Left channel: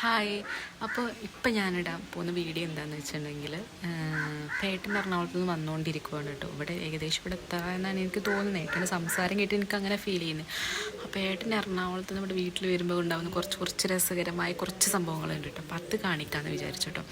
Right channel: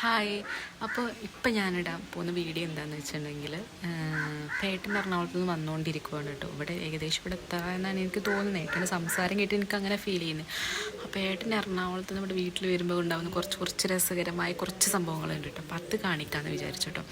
Hi അപ്പോൾ ഇപ്പം ഞാനിടാൻ പോകുന്ന വീഡിയോ എന്താണെന്ന് വെച്ചിട്ടുണ്ടെങ്കിൽ പേട്ടൻ എറണാകുളത്ത് നിന്ന് വന്നുകൊണ്ടിരിക്കുവാണ് കേട്ടോ. ഇവിടെ ഏകദേശം ഇവിടെ എത്താമെന്നാണ് എനിക്ക് തോന്നുന്നത്. ഏട്ടന്റെ സംസാരം കേട്ട് എനിക്ക് അങ്ങനെ ഫീൽ ചെയ്യുന്നത് അപ്പോൾ ഏട്ടൻ എറണാകുളത്ത് നിന്ന് ഇവിടെ വീട്ടിൽ വരുമ്പോൾ ഉണ്ടാകുന്ന കുറച്ച് കുറച്ച് രസകരമായ കുറച്ച് സംഭവങ്ങളുണ്ട് കേട്ടോ. അപ്പോൾ അത് കാണിക്കാമെന്ന് വിചാരിച്ചു കേട്ടോ.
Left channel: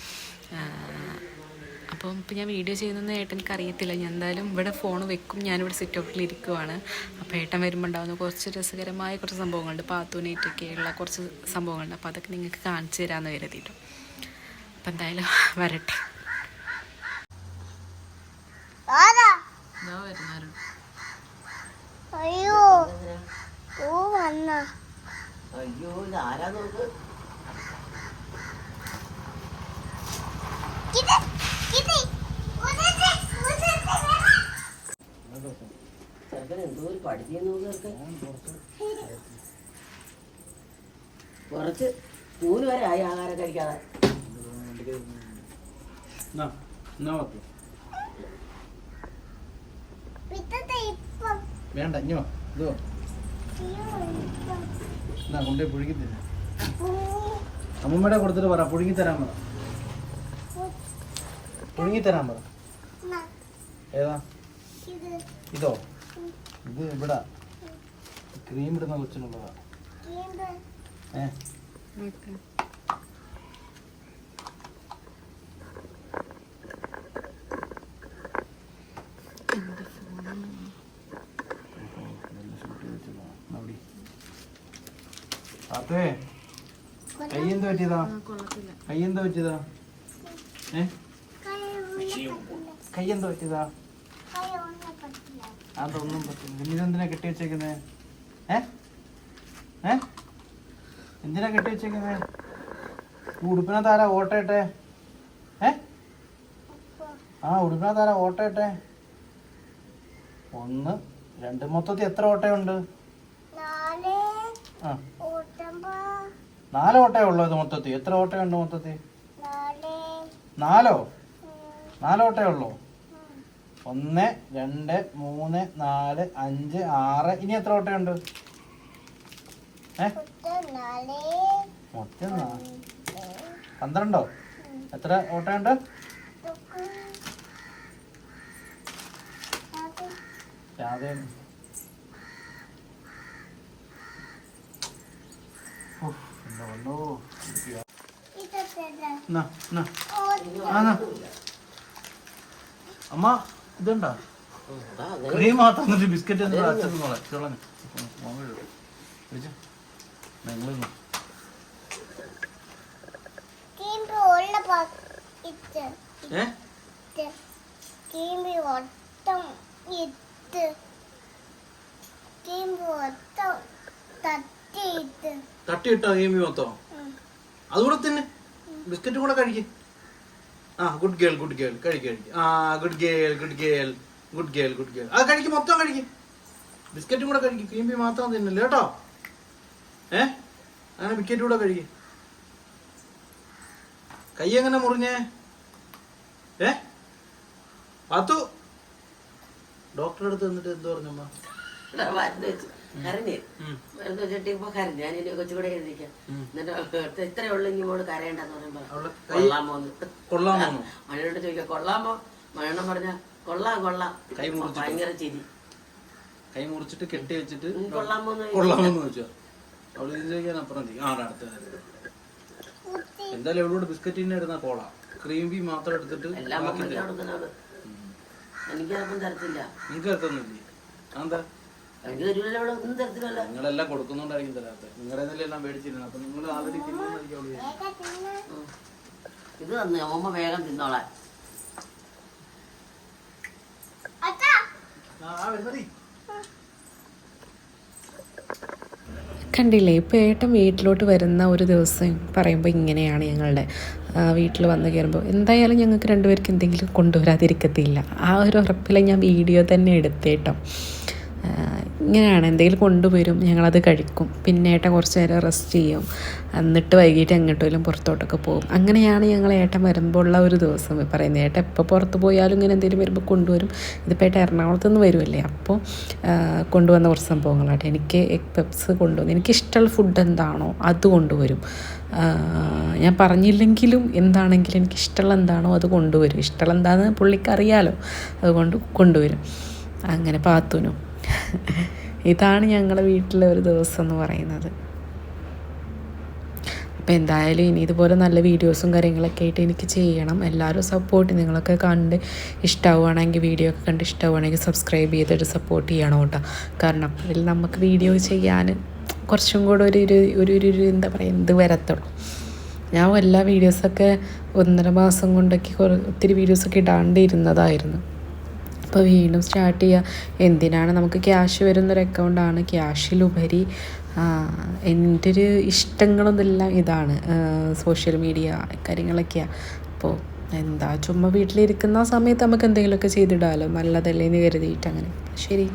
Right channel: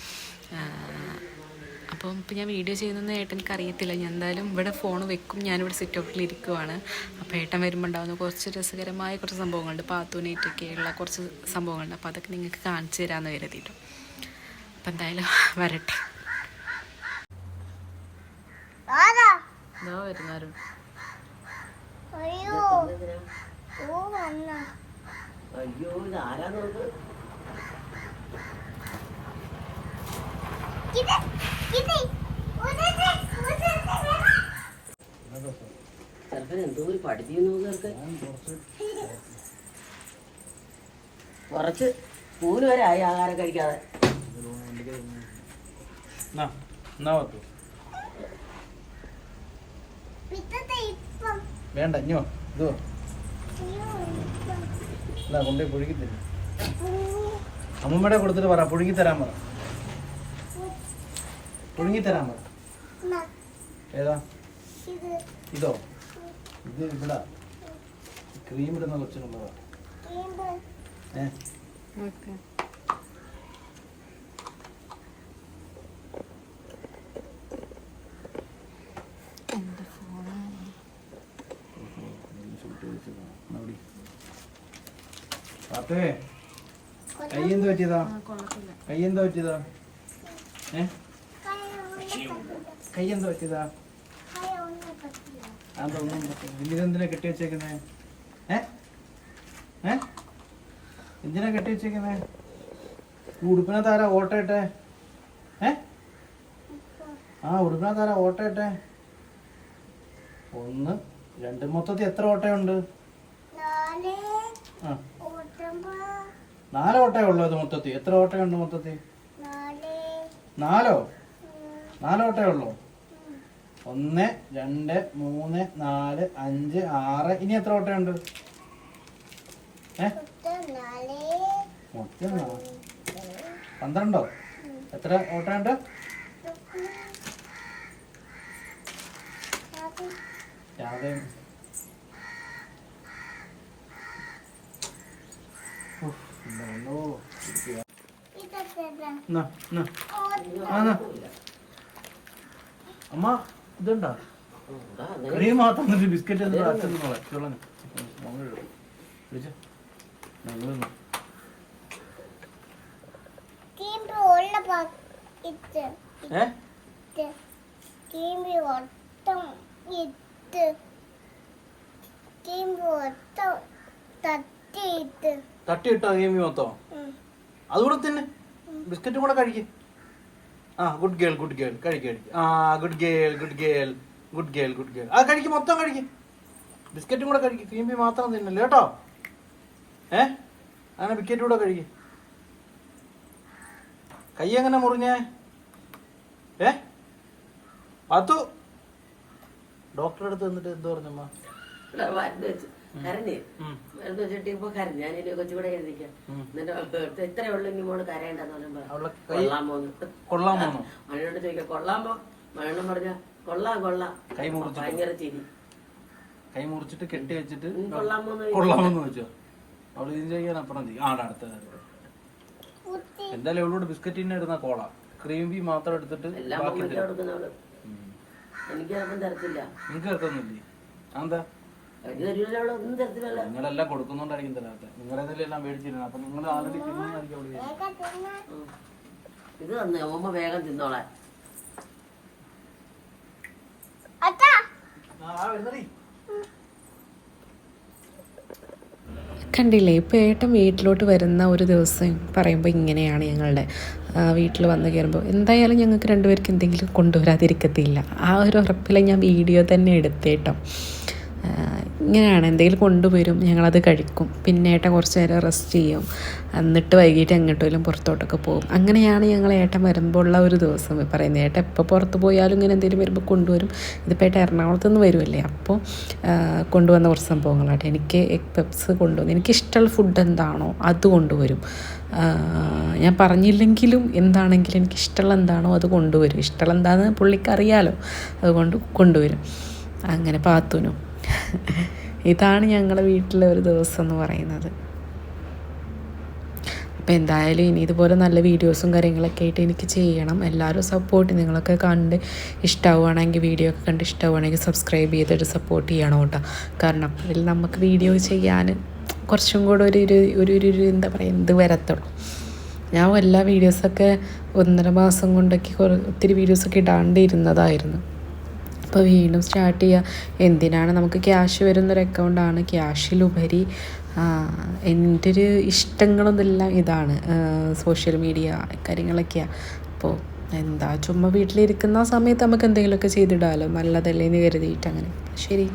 അപ്പം ഇപ്പം ഞാൻ വീഡിയോ ചെയ്യുന്നതെന്ന് ഏട്ടൻ എനിക്ക് അറിയത്തില്ല ഞാൻ എന്തായാലും ഇവിടെ ഫോൺ വെക്കും. ഞാനിവിടെ സിറ്റ് ഔട്ടിൽ ഇരിക്കുവാണ്. അപ്പോൾ ഏട്ടൻ വരുമ്പോൾ ഉണ്ടാകുന്ന കുറച്ച് രസകരമായ കുറച്ച് സംഭവങ്ങളുണ്ട്. പാത്തൂനേറ്റൊക്കെയുള്ള കുറച്ച് സംഭവങ്ങളുണ്ട്. അപ്പോൾ അതൊക്കെ നിങ്ങൾക്ക് കാണിച്ചു തരാമെന്ന് കരുതിയിട്ടു. അപ്പം എന്തായാലും വരട്ടെ. വരുന്നാരും അയ്യോ. ഓ വന്ന. അയ്യോ ഇത് ആരാ നോക്ക് ഇത് ഇത് ഉദത്തെ ഉദത്തെ ചെറുക്കൻ എന്തോ ഒരു പഠിക്കുന്നു കുറച്ച് മൂന്ന് വരെ ആയി ആഹാരം കഴിക്കാതെ. വേണ്ട അഞ്ഞോ ഇതോ. എന്നാ കൊണ്ടേ പുഴുകി അമ്മടെ അമ്മയുടെ കൊടുത്തിട്ട് പറ പുഴുങ്ങി തരാൻ പറ. പുഴുങ്ങി തരാൻ പറ ഏതാ? ഇത്. ഇതോ ഇവിടെ ക്രീം ഇടുന്ന കൊച്ചിനുള്ളതാ ഏ? അത്തേ കൈ എന്താ പറ്റിയതാ? കൈ എന്താ പറ്റിയതാ? ഏ? കൈ ഉള്ളത്തില്ല കൈ എന്താ പറ്റിയതാ? അതൊന്നും ഇതെന്തിനാ കെട്ടി വെച്ചേക്കുന്നത് ഏ? ഏ? എന്തിനാ കെട്ടി വെച്ചേക്കുന്നേ? ഈ ഉടുപ്പിനകത്ത് ആരാ ഓട്ടയിട്ടെ ഏ? ആ ഉടുപ്പിനകത്ത് ആരാ ഓട്ടയിട്ടെ ഒന്ന് രണ്ട് മൊത്തത്തിൽ എത്ര ഓട്ടയുണ്ട്? നാല്. ആ. ഓട്ടമ്പ. നാല് ഓട്ടയേ ഉള്ളൂ ഇത് മൊത്തത്തിൽ. എത്ര ഓട്ടയുണ്ട് മൊത്തത്തിൽ? നാല്. നാലോ? നാലോട്ടേ നാല് ഉള്ളൂ. ഒന്ന് രണ്ട് മൂന്ന് നാല് അഞ്ച് ആറ്. ഇനി എത്ര ഓട്ടയുണ്ട് മൊത്തം പന്ത്രണ്ടോ? എത്ര ഓട്ടയുണ്ട് ഉണ്ട് രാവിലെ. അമ്മ? ഇതുണ്ടോ? ക്രീം മാത്രം മതി ബിസ്ക്കറ്റ് അച്ഛൻ നോളെ നിങ്ങൾ തട്ടിയിട്ടോ ഗെയിമി മൊത്തം. അതുകൂടെ തന്നെ. ബിസ്ക്കറ്റും കൂടെ കഴിക്കും. ആ ഗുഡ് ഗേൾ ഗുഡ് ഗേൾ കഴിക്കും കഴിക്കും. ആ good girl good girl good girl good girl ആ കഴിക്കും മൊത്തം കഴിക്കും. ബിസ്ക്കറ്റും കൂടെ കഴിക്കും. ക്രീമ്പി മാത്രം തിന്നില്ല കേട്ടോ? ഏ? അങ്ങനെ ബിസ്ക്കറ്റ് കൂടെ കഴിക്കും. കൈ എങ്ങനെ മുറിഞ്ഞേ? ഏ? അതു. ഡോക്ടറെ അടുത്ത് നിന്നിട്ട് എന്ത് പറഞ്ഞമ്മ? കരഞ്ഞ്. ഉം. മരുന്ന് വെച്ചിട്ട് ഇപ്പൊ കരഞ്ഞു. ഞാൻ ഇനി കൊച്ചുകൂടെ എഴുതിക്കാം എന്നിട്ട് ഇത്രേ ഉള്ളു ഇനി മോൾ കരയണ്ടെന്ന് അവളെ പറയുമ്പോ കൈ- കൊള്ളാമോ കൊള്ളാമോ മഴയോട് ചോദിക്കാം കൊള്ളാമോ മഴയെണ്ണം പറഞ്ഞ കൊള്ളാം കൊള്ളാം. ഭയങ്കര ചിരി. കൈ മുറിച്ചിട്ട് കെട്ടി വെച്ചിട്ട് കൊള്ളാമോന്ന് കൊള്ളാമെന്ന് ചോദിച്ചു അവൾ ചോദിക്കാൻ അപ്പുറം ആണ് അടുത്തത് എന്തായാലും എവളോട് ബിസ്ക്കറ്റ് തന്നെ ഇടുന്ന കോള. ക്രീം ബി മാത്രം എടുത്തിട്ട് ബാക്കി എനിക്ക് തരത്തില്ല. നിങ്ങൾക്ക് എത്തുന്നില്ലേ എന്താ നിങ്ങളെല്ലാം കൊടുക്കുന്നുണ്ടായിരിക്കും തരാത്ത നിങ്ങളെല്ലാം മേടിച്ചിരുന്നു. അപ്പൊ നിങ്ങൾ ആൾറെഡി. ഇത് തന്നെ അമ്മ വേഗം തിന്നോളാൻ കണ്ടില്ലേ ഇപ്പോൾ ഏട്ടൻ വീട്ടിലോട്ട് വരുന്ന ഒരു ദിവസം പറയുമ്പോൾ ഇങ്ങനെയാണ് ഞങ്ങളുടെ വീട്ടിൽ വന്നു കയറുമ്പോൾ എന്തായാലും ഞങ്ങൾക്ക് രണ്ടുപേർക്ക് എന്തെങ്കിലും കൊണ്ടുവരാതിരിക്കത്തില്ല. ആ ഒരു ഉറപ്പിൽ ഞാൻ വീഡിയോ തന്നെ എടുത്തേട്ടോ. ഇങ്ങനെയാണ് എന്തെങ്കിലും കൊണ്ടുവരും ഞങ്ങളത് കഴിക്കും. പിന്നെ ഏട്ടൻ കുറച്ച് നേരം റെസ്റ്റ് ചെയ്യും. എന്നിട്ട് വൈകിട്ട് എങ്ങോട്ടെങ്കിലും പുറത്തോട്ടൊക്കെ പോകും. അങ്ങനെയാണ് ഞങ്ങൾ ഏട്ടൻ വരുമ്പോൾ ഉള്ള ഒരു ദിവസം പറയുന്നത്. ഏട്ടൻ എപ്പോൾ പുറത്ത് പോയാലും ഇങ്ങനെ എന്തെങ്കിലും വരുമ്പോൾ കൊണ്ടുവരും. ഇതിപ്പോൾ ഏട്ടൻ എറണാകുളത്ത് നിന്ന് വരുമല്ലേ അപ്പോൾ കൊണ്ടുവന്ന കുറച്ച് സംഭവങ്ങളാട്ടെ. എനിക്ക് എഗ് പെപ്സ് കൊണ്ടുവന്നു എനിക്കിഷ്ടമുള്ള ഫുഡ് എന്താണോ അത് കൊണ്ടുവരും. ഞാൻ പറഞ്ഞില്ലെങ്കിലും എന്താണെങ്കിലും എനിക്ക് ഇഷ്ടമുള്ള എന്താണോ അത് കൊണ്ടുവരും. ഇഷ്ടമുള്ള എന്താണെന്ന് പുള്ളിക്ക് അറിയാലോ. അതുകൊണ്ട് കൊണ്ടുവരും. അങ്ങനെ പാത്തുനും. ഇതാണ് ഞങ്ങളുടെ വീട്ടിലെ ഒരു ദിവസം എന്ന് പറയുന്നത്. അപ്പോൾ എന്തായാലും ഇനി ഇതുപോലെ നല്ല വീഡിയോസും കാര്യങ്ങളൊക്കെ ആയിട്ട് എനിക്ക് ചെയ്യണം. എല്ലാവരും സപ്പോർട്ട് നിങ്ങളൊക്കെ കണ്ട് ഇഷ്ടമാവുകയാണെങ്കിൽ വീഡിയോ ഒക്കെ കണ്ട് ഇഷ്ടമാവുകയാണെങ്കിൽ സബ്സ്ക്രൈബ് ചെയ്തിട്ട് സപ്പോർട്ട് ചെയ്യണം കേട്ടോ. കാരണം അതിൽ നമുക്ക് വീഡിയോ ചെയ്യാൻ കുറച്ചും കൂടെ ഒരു ഒരു ഒരു ഒരു എന്താ പറയുക ഇത് വരത്തുള്ളൂ. ഞാൻ എല്ലാ വീഡിയോസൊക്കെ ഒന്നര മാസം കൊണ്ടൊക്കെ ഒത്തിരി വീഡിയോസൊക്കെ ഇടാണ്ടിരുന്നതായിരുന്നു. അപ്പോൾ വീണ്ടും സ്റ്റാർട്ട് ചെയ്യുക എന്തിനാണ് നമുക്ക് ക്യാഷ് വരുന്നൊരു അക്കൗണ്ടാണ് ക്യാഷിലുപരി എന്റെ ഒരു ഇഷ്ടങ്ങളൊന്നെല്ലാം ഇതാണ് സോഷ്യൽ മീഡിയ കാര്യങ്ങളൊക്കെയാണ് അപ്പോൾ എന്താ ചുമ്മാ വീട്ടിലിരിക്കുന്ന സമയത്ത് നമുക്ക് എന്തെങ്കിലുമൊക്കെ ചെയ്തിടാമല്ലോ നല്ലതല്ലേ എന്ന് കരുതിയിട്ട് അങ്ങനെ. ശരി.